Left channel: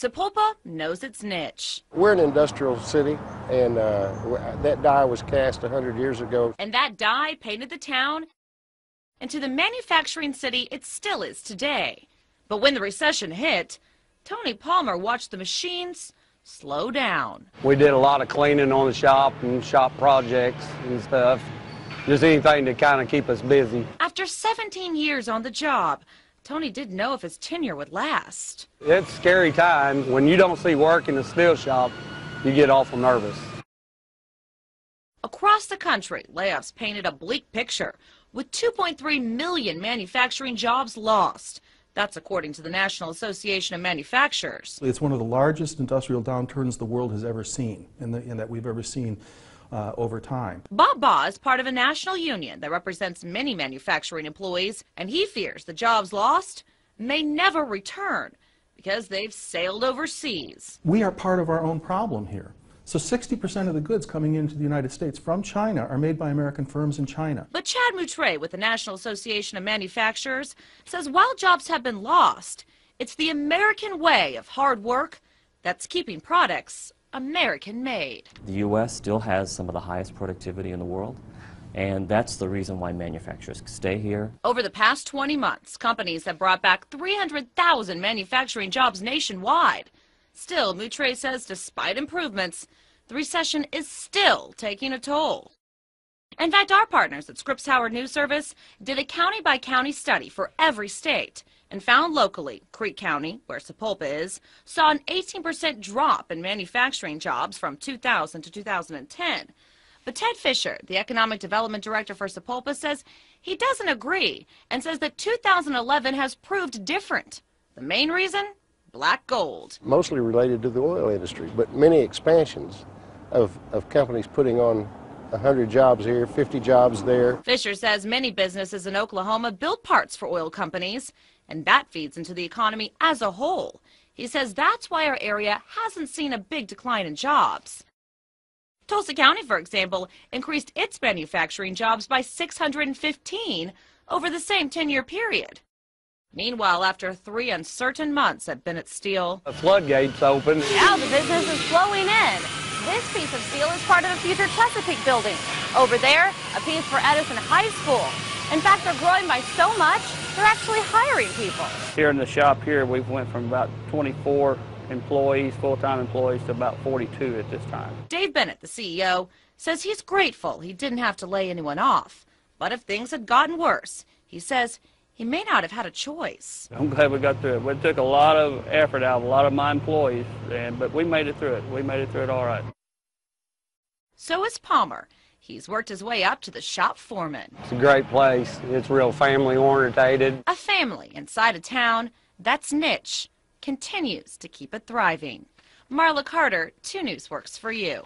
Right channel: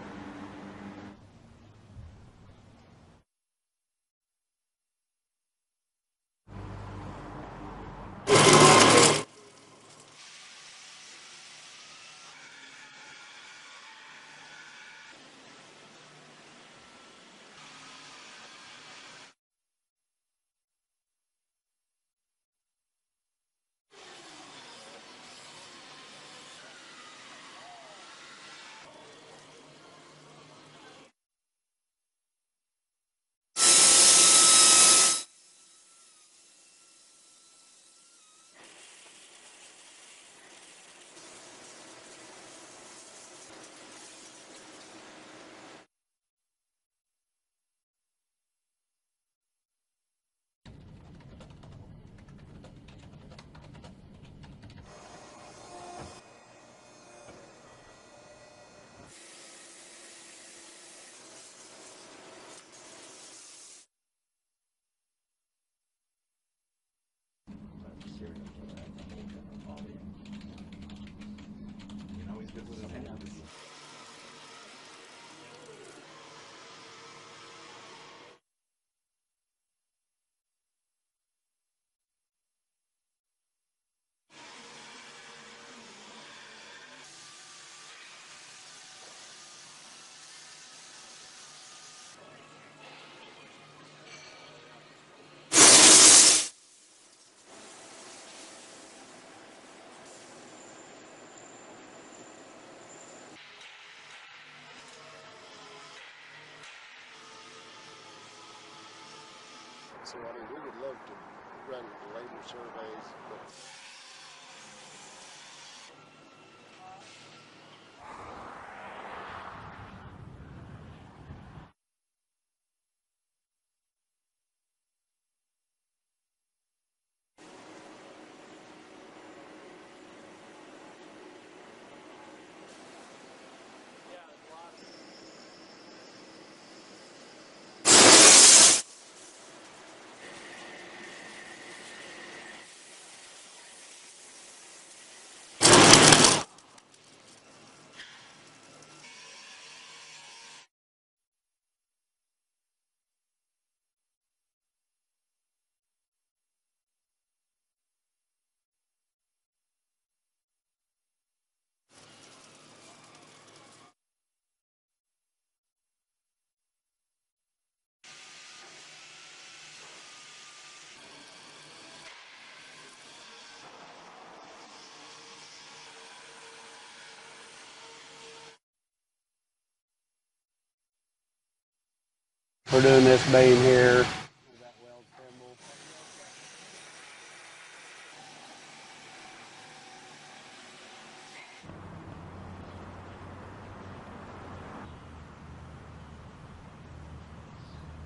Sapulpa knows its niche. We're an industrial city, and that die was cast 100 years ago. And that die painted the town into the manufacturing city it still is today. But when the recession hit, Tony Palmer watched the machines slow down. We did a lot of cleaning on the shop and shop projects and stuff. Just anything to kind of keep us busy. After 17 years on the job, Tony didn't know if his tenure would last. It's scary times. When you don't see work in the steel shop, you get awful nervous. Across the country, layoffs painted a bleak picture, with 2.3 million manufacturing jobs lost. That's according to the National Association of Manufacturers. It's one of the largest industrial downturns the world has ever seen, and that we've ever seen over time. Bob Baugh is part of a national union that represents many manufacturing employees, and he fears the jobs lost may never return because they've sailed overseas. We are part of our own problem here. So 60% of the goods coming into the United States from China are made by American firms in China. But Chad Moutre with the National Association of Manufacturers says while jobs have been lost, it's the American way of hard work that's keeping products American-made. The U.S. still has some of the highest productivity in the world, and that's the reason why manufacturers stay here. Over the past 20 months, companies have brought back 300,000 manufacturing jobs nationwide. Still, Moutre says despite improvements, the recession is still taking a toll. In fact, our partners at Scripps Howard News Service did a county-by-county study for every state and found locally, Creek County, where Sapulpa is, saw an 18% drop in manufacturing jobs from 2000 to 2010. But Ted Fisher, the Economic Development Director for Sapulpa, says he doesn't agree and says that 2011 has proved different. The main reason? Black gold. Mostly related to the oil industry, but many expansions of companies putting on 100 jobs here, 50 jobs there. Fisher says many businesses in Oklahoma build parts for oil companies, and that feeds into the economy as a whole. He says that's why our area hasn't seen a big decline in jobs. Tulsa County, for example, increased its manufacturing jobs by 615 over the same 10-year period. Meanwhile, after 3 uncertain months at Bennett Steel, The floodgates open. Now the business is flowing in. This piece of steel is part of a future Chesapeake building. Over there, a piece for Edison High School. In fact, they're growing by so much, they're actually hiring people. Here in the shop here, we went from about 24 employees, full-time employees, to about 42 at this time. Dave Bennett, the CEO, says he's grateful he didn't have to lay anyone off. But if things had gotten worse, he says he may not have had a choice. I'm glad we got through it. It took a lot of effort out of a lot of my employees, but we made it through it. We made it through it all right. We're doing this being here. So is Palmer. He's worked his way up to the shop foreman. It's a great place. It's real family-orientated. A family inside a town that's niche continues to keep it thriving. Marla Carter, 2 News works for you.